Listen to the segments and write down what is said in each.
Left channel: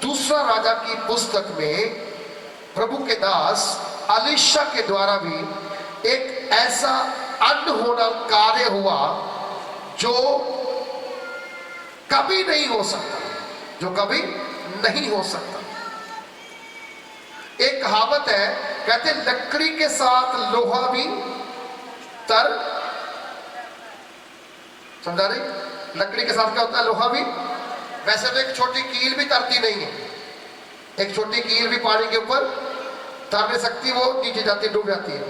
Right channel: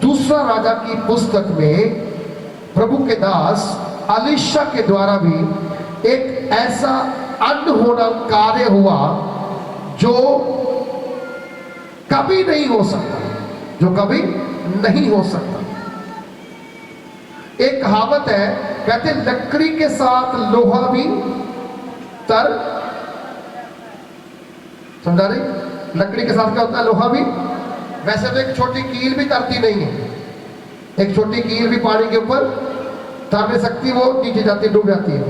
दूसरा राजा की पुस्तक में प्रभु के दास अलीशा के द्वारा भी एक ऐसा अनहोना कार्य हुआ जो कभी नहीं हो सकता, जो कभी नहीं हो सकता। एक कहावत है, कहते लकड़ी के साथ लोहा भी तर, समझा रही? लकड़ी के साथ क्या होता है? लोहा भी। वैसे तो एक छोटी कील भी तरती नहीं है, एक छोटी कील भी पानी के ऊपर तर नहीं सकती, वो नीचे जाती, डूब जाती है।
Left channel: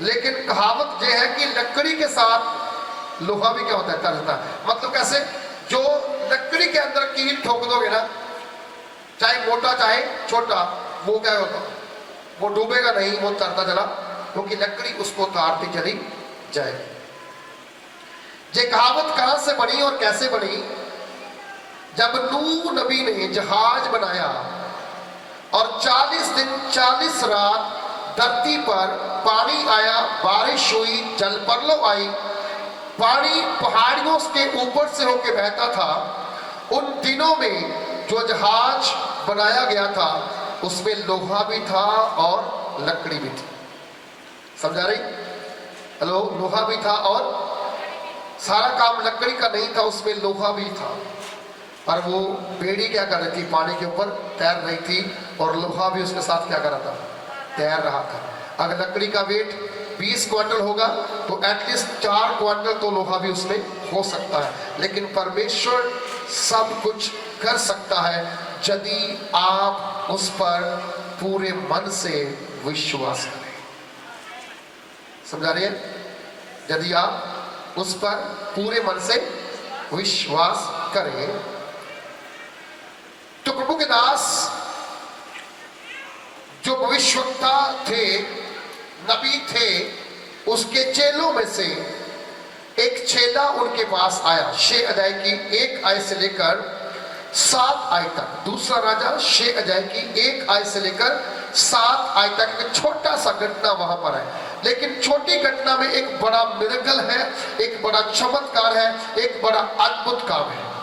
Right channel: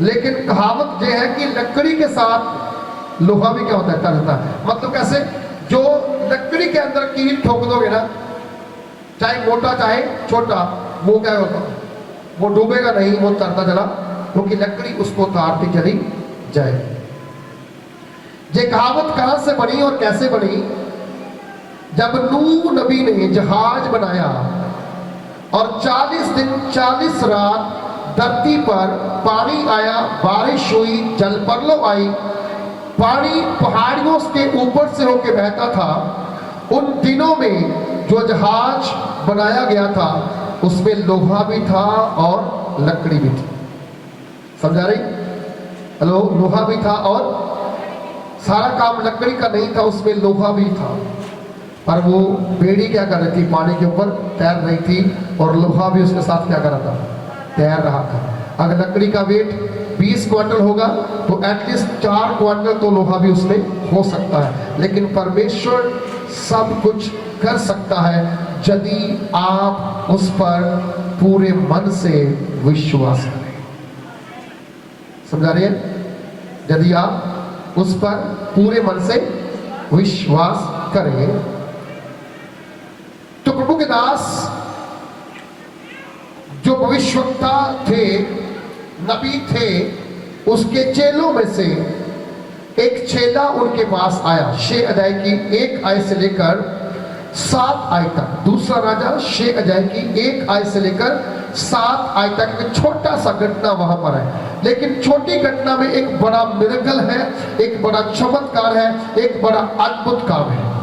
लेकिन कहावत यह है कि लकड़ी के साथ लोहा भी क्या होता है? तरता है। मतलब कैसे? जो लकड़ी के अंदर कील ठोक दोगे ना, चाहे मोटा चाहे छोटा, वो क्या होगा? वो डूबेगा नहीं, वो तरता चला, क्योंकि लकड़ी उसको तारती चली जाएगी। ये कहावत कहां से बनी और कैसे बनी? जब नूह नबी ने जहाज बनाया और 40 दिन 40 रात धरती पर पानी आया, बारिश हुई, जलप्रलय आई, पानी पहाड़ियों के ऊपर से होकर बहता था। उन दिनों में जो जहाज बनाया गया था उसमें लोहा भी था और लकड़ी भी थी। समझा रही? हेलो, लोहा भी था और सारा काम लकड़ी का नहीं था, उसमें लोहा भी था। पर वो बेड़ी क्या कर रही थी? पानी के ऊपर तैर रही थी और लोहा भी उसके साथ क्या कर रहा था? तैर रहा था। अगर लकड़ी का वेट 20 क्विंटल होगा तो एटलीस्ट 4 क्विंटल तो लोहा भी उसमें हो सकता है। लेकिन परमेश्वर सब कुछ कर सकता है यदि आप उस पर पूरे मन से विश्वास करें। समझा रही है? यदि आप उस पर पूरे मन से विश्वास करें तो प्रभु के दास जो भविष्यवक्ता थे, नबी थे, उसके चेलों में से एक चेला उनके पास आया। 6 अध्याय की 1 आयत से लेकर 7 आयत तक। दूसरा राजा 6 अध्याय की 1 आयत से लेकर 7 आयत तक एक छोटा सा घटना वहां पर है, लेकिन छोटी घटना में एक बड़ा मिरेकल है, एक बड़ा चमत्कार है, एक बड़ा अद्भुत काम है।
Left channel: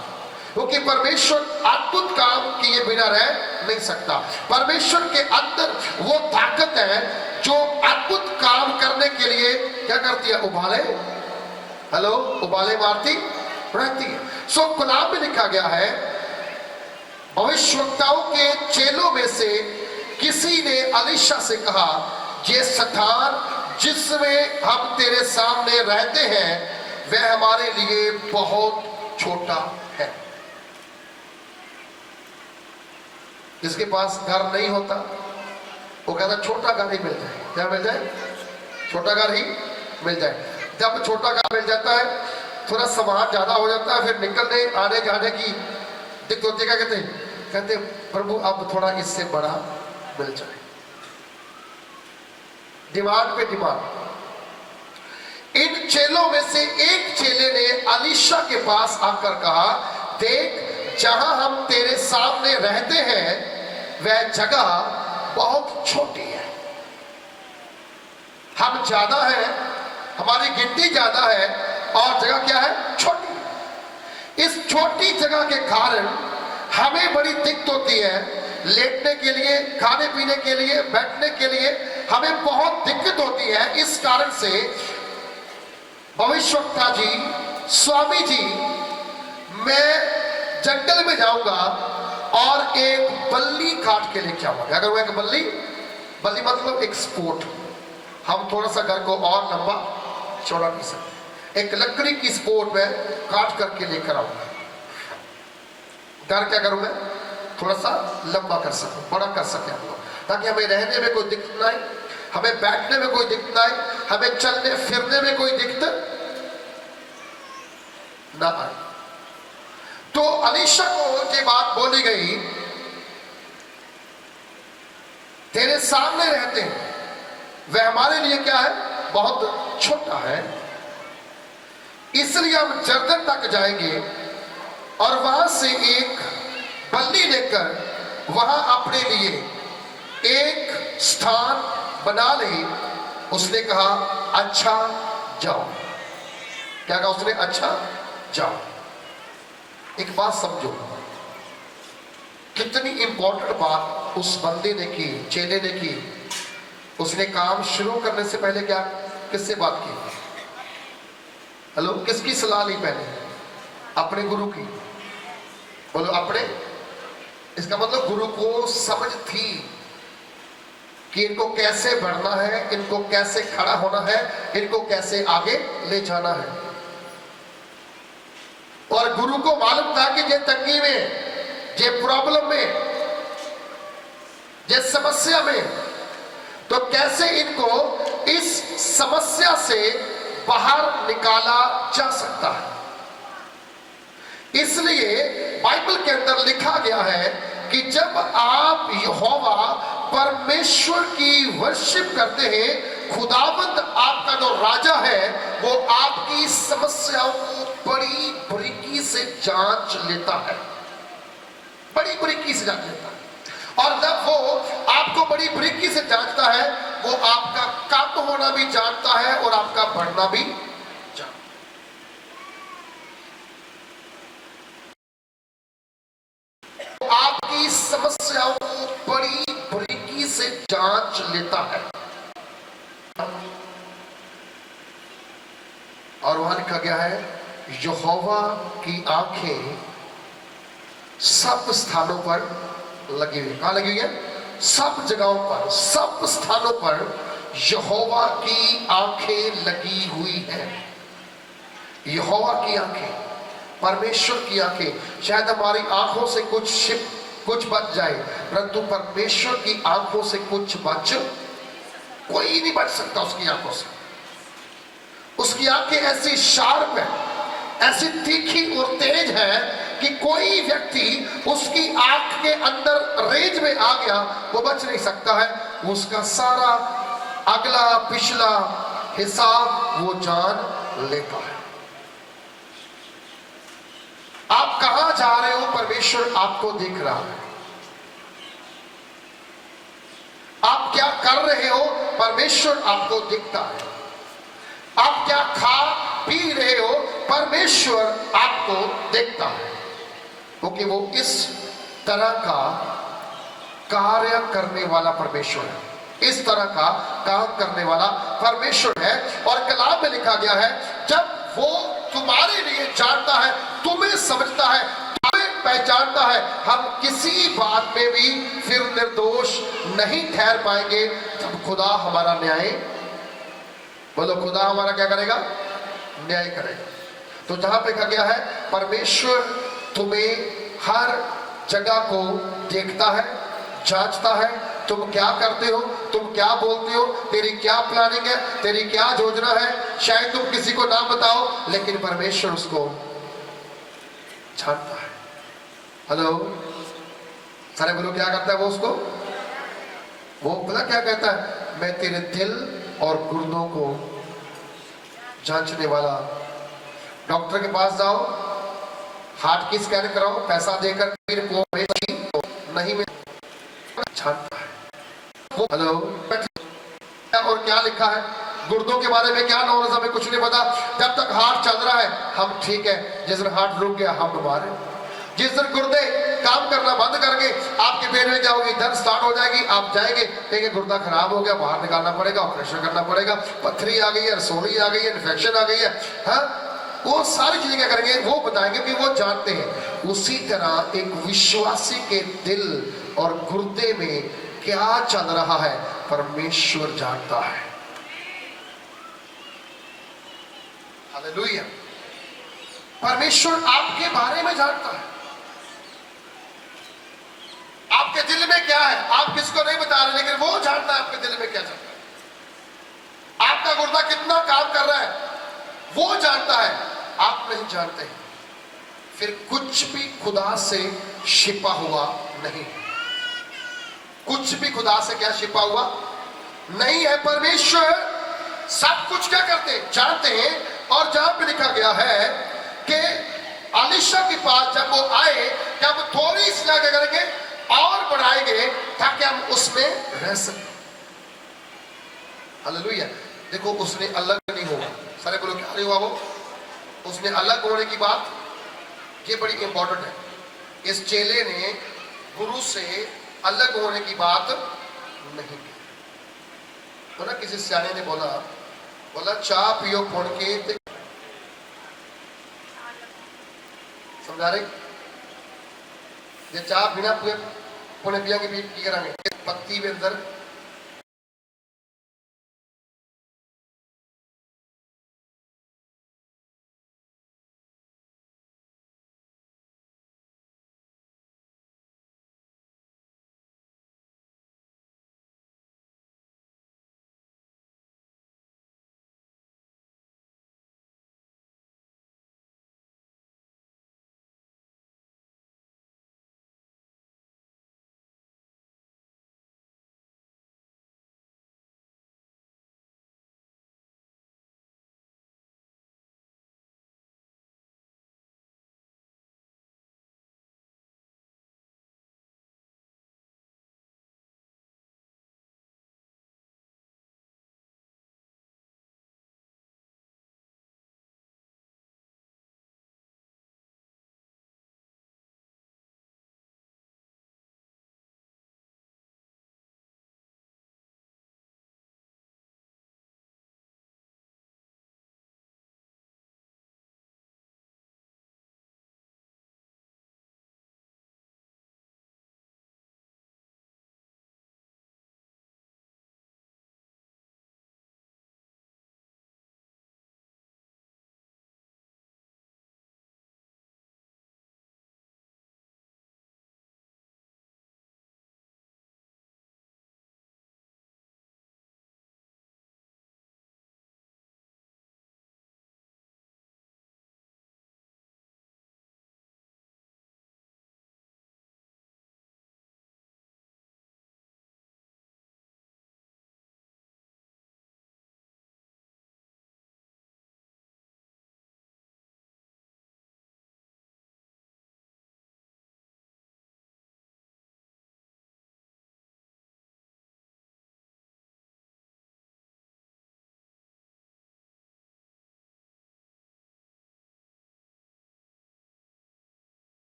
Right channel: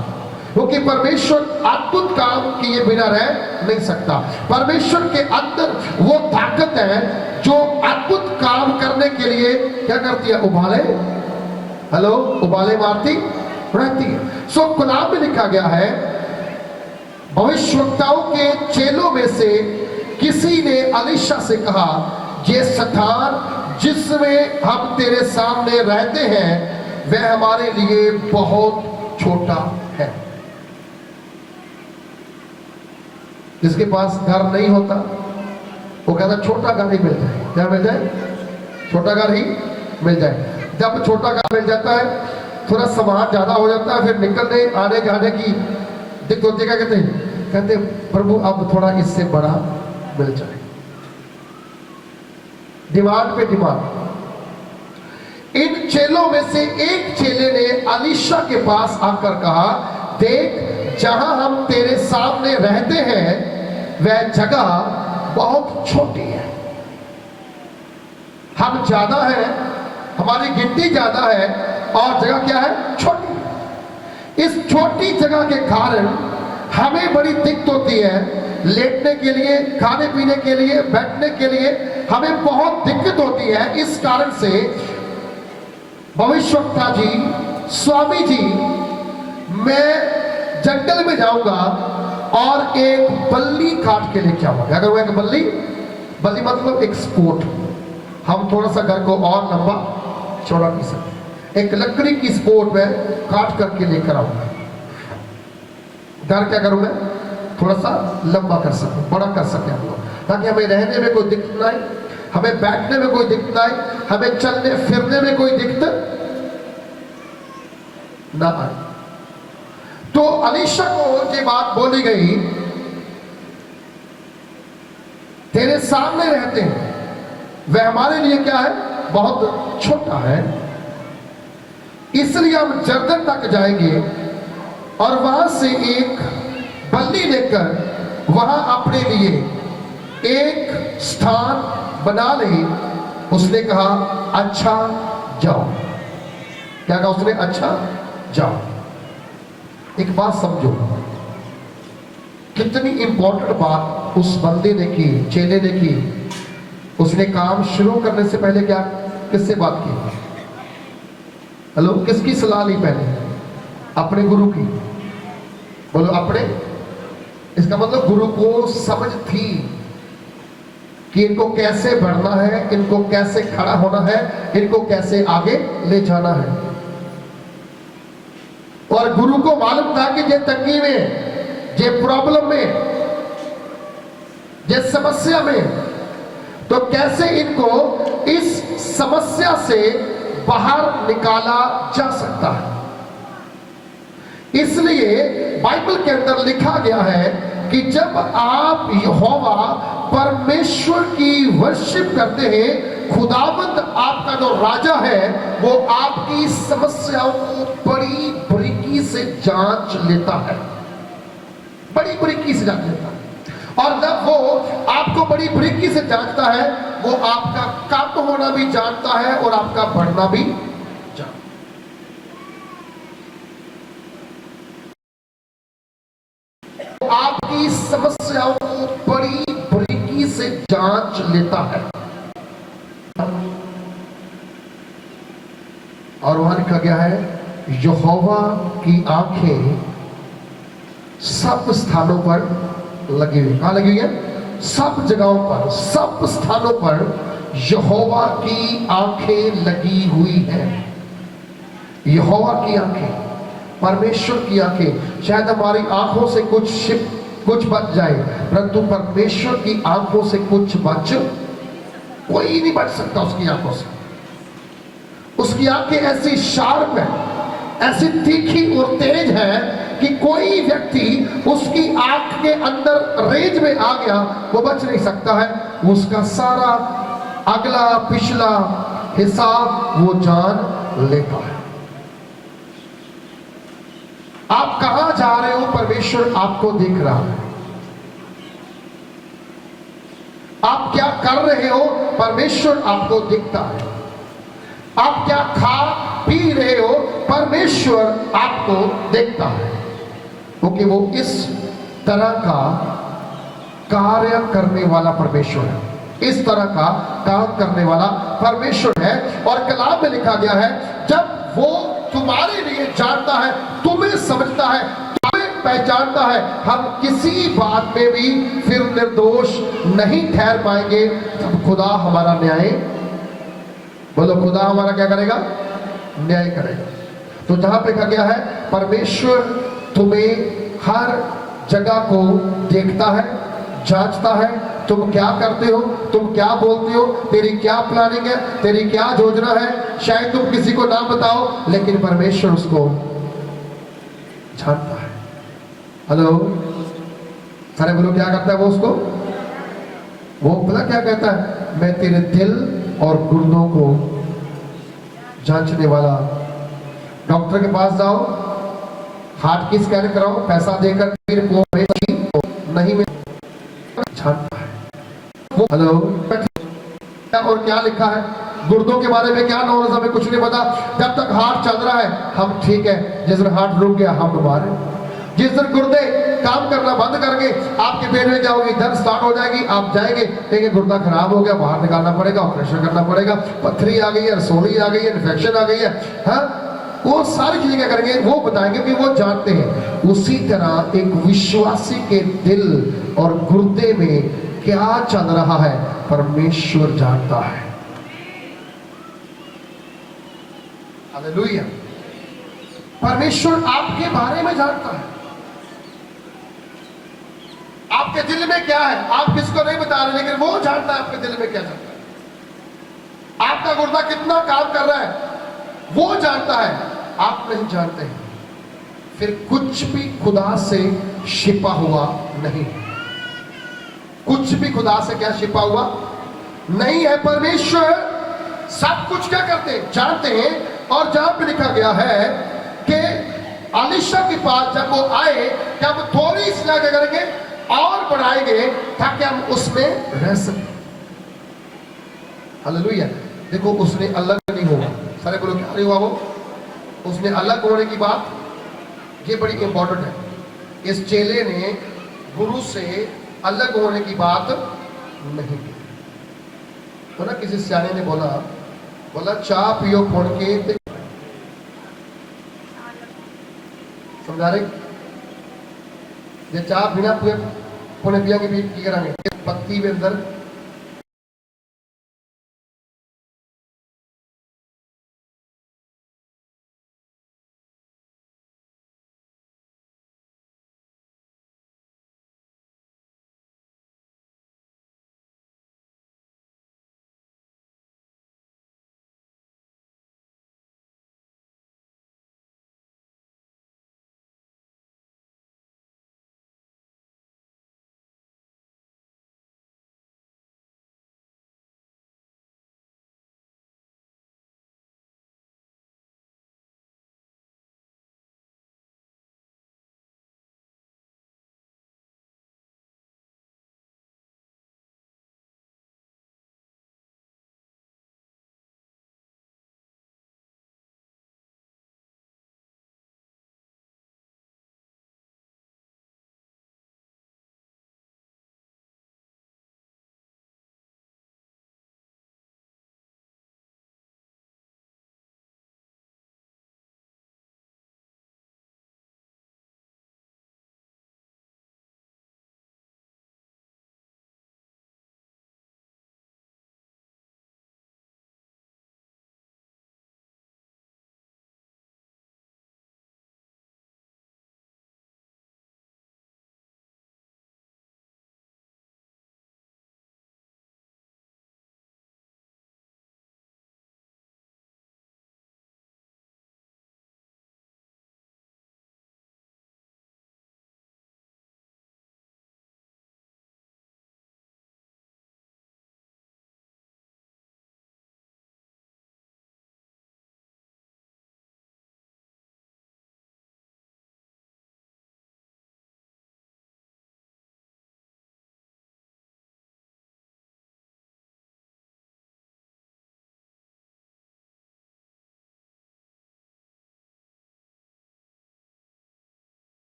क्योंकि परमेश्वर अद्भुत काम किए बिना रह नहीं सकता। परमेश्वर के अंदर वो ताकत है जो अद्भुत काम करने के लिए क्या करती है? उबाले, हेलो, उबाले मारती रहती है। कलाम में लिखा गया है, भविष्यवक्ताओं के चेलों में से किसी ने अलीशा से कहा, ये स्थान जिसमें हम तेरे सामने रहते हैं वह हमारे लिए बहुत छोटा है। जिसके पास घर नहीं होता वो कहता छोटा घर ही मिल जाए। क्या मिल जाए? छोटा घर ही मिल जाए। जब छोटा घर मिल जाता है, थोड़ा सामान ज्यादा हो जाता है, फिर निकलने आने जाने की दिक्कत होती है। क्या कहते प्रभु अब थोड़ा इससे बड़ा मिल जाए। डिमांड पे डिमांड। इन चेलों में से एक चेले ने अलीशा के पास आकर कहा, देख, जहां हम तेरे सामने रहते हैं वह जगह बहुत छोटी है। हम ज्यादा है, हमारी गिनती ज्यादा है और जगह क्या है? छोटी। इस छोटी जगह के कारण हमें बड़ी दिक्कत होती है। लेटने के लिए, खाने पीने के लिए, बैठने के लिए हमें बहुत दिक्कत होती है। इस कारण से भविष्यवक्ता जी, स्वामी जी, मैं जंगल में जाऊंगा और एक बल्ली काट के लेके आऊंगा। अगर वो एक बल्ली मतलब एक स्पोर्ट, हम थोड़ा सा घर को और लंबा चौड़ा कर सकते, एक लकड़ी की स्पोर्ट में काट करके लेकर आऊंगा। घर क्या करूंगा? थोड़ा सा लंबा कर सकूं, बड़ा कर सके हम लोग, ताकि हमें रहने में कोई दिक्कत ना आए, हमें बैठने में कोई दिक्कत ना आए, हमें चलने फिरने में कोई दिक्कत ना आए। तो अलीशा को ये बात बोली गई, तेरे सामने रहते हैं वह हमारे लिए क्या है? बहुत छोटा है, इसलिए हम जर्दन तक जाएंगे और वहां से एक बल्ली लेकर वहां अपने लिए एक स्थान बना ले। उसने कहा, अच्छा जाओ। क्या कहा उसने? अच्छा जाओ। एक बात समझो, कितनी इंपॉर्टेंट बात उस बंदे ने की, चेले ने की। उसने काम शुरू करने से पहले क्या, किससे बात की? हेलो, किसकी सलाह ली पहले? अपने गुरु की। बोलो अपने। इसका मतलब गुरु को समझ थी कि इनको कैसे बढ़ना है, इनको कैसे खड़ा होना है, इनको कैसे आगे ले जाना है। और गुरु को मालूम था कि ये तंगी में, ये प्रॉब्लम में, ये समस्या में, तो कैसे इनको इस समस्या से बाहर निकाला जा सकता है। इसलिए बाइबल के अंदर लिखा गया है कि जब आप यहोवा परमेश्वर की वर्शिप करते हैं, खुदावंद आपका जो राजा है वो आपकी समस्याओं को बड़ी बारीकी से जांच लेता है, बड़ी बारीकी से जांच लेता है। और जब वो आपको बड़ी बारीकी से जांचता है, वो आपका कम होना भी जानता है और आपका बढ़ना भी जानता है। आपकी समस्याओं को बड़ी बारीकी से जांच लेता है। और वहां लिखा गया है, यहोवा की आंखें सब स्थानों पर लगी हुई। कहां लगी हुई है? सब जगहों पर, सब स्थानों पर यहोवा की आंखें लगी हुई है। यहोवा की आंखें, परमेश्वर की आंखें। शायद हमारी आंखों से कुछ बच जाए, परंतु परमेश्वर की आंखों से कुछ बच, कोई नहीं बच सकता उसकी आंखों से। उसकी आंखें ऐसी शार्प है, ऐसी तीखी और तेज है कि कोई व्यक्ति उसकी आंख के अंदर रेंज में आ गया, वो बच नहीं सकता है। उसका सारा अगला पिछला हिसाब वो जान लेता है। आप कहां जा रहे हो, परमेश्वर आपको देख रहा है। आप क्या कर रहे हो, परमेश्वर आपको दिखता है। आप क्या खा पी रहे हो, परमेश्वर आपको देखता है, क्योंकि वो इस तरह का कार्य करने वाला परमेश्वर है, इस तरह का काम करने वाला परमेश्वर है। और कलाम में लिखा गया है, जब वो तुम्हारे लिए जानता है, तुम्हें समझता है, तुम्हें पहचानता है, हम किसी बात में भी फिर निर्दोष नहीं ठहर पाएंगे। तब खुदा हमारा न्याय, बोलो खुदा हमारा क्या करेगा? न्याय करेगा। तो जहां पे कहा गया है, परमेश्वर तुम्हें हर जगह को देखता है, जांचता है, तुम क्या करते हो, तुम क्या बोलते हो, तेरी क्या प्लानिंग है, तेरी क्या योजना है। शायद तुम किसी को ना बताओ, लेकिन परमेश्वर उसको जानता है। हेलो, सारे बोलो क्या करता है वो उसको? वो पता क्या कहता है? मैं तेरे दिल और गुर्दों को जांचने वाला। डॉक्टर के पास जाओ, हार्ट की स्कैन कराओ, पैसा देकर नहीं में जानता है वो। हेलो, और क्या लिखा है गुर्दों के बारे में? क्या नॉलेज? हमें कुछ नहीं पता। जब तक हार्ट चल रहा है हम ठीक है, जिस दिन हार्ट रुक गया हम बीमार हैं। जिस दिन गुर्दे काम करना बंद करके आपके पेट में जाओगे, दर्द स्टार्ट हो जाएगी, आप जाएंगे देखिए गुर्दा खराब हो गया, बाहर निकालना पड़ेगा, ऑपरेशन करना पड़ेगा, पथरी आ गई है, रसोली आ गई है, इन्फेक्शन आ गई है, हाँ, वो सारी चीजें क्या करेंगे? वो बताएंगे कि वो जानते हैं। उसी तरह एक विश्वासी के दिल और गुर्दे में क्या चल रहा है, परमेश्वर जानता है। हालेलुया। परमेश्वर आपके बारे में जानता है, आपके दिल में क्या है। आप किसको नहीं बता रहे, लेकिन वो जानता है आपके दिल में क्या चल रहा है। आपका गुर्दा कितना काम कर रहा है वो जानता है, आप नहीं जानते हैं। फिर कुछ भी खुदा से छिपा हुआ नहीं, कुछ भी खुदा से क्या छिपा हुआ नहीं है। परमेश्वर सब कुछ क्या करते हैं? जानते हैं। और जहां पे लिखा गया है कि अलीशा के पास जब वो आए, क्या हम थोड़ी सी क्या करेंगे? और बढ़ाएंगे ताकि हम उसमें रह सकें। हालेलुया। देखो, उसने अलग नहीं हुआ। सारे बोलो क्या नहीं हुआ? वो उसने अलग होने की बात, ये बड़ी इंपॉर्टेंट है। इस चेले ने गुरु से अलग होने की बात नहीं की। तो ना किसी सियाने ने बोला चाह पियो फोड़ के ते समझा रहे जे चाह बिना पुणे पिया की करेंगे पत्ती के अंदर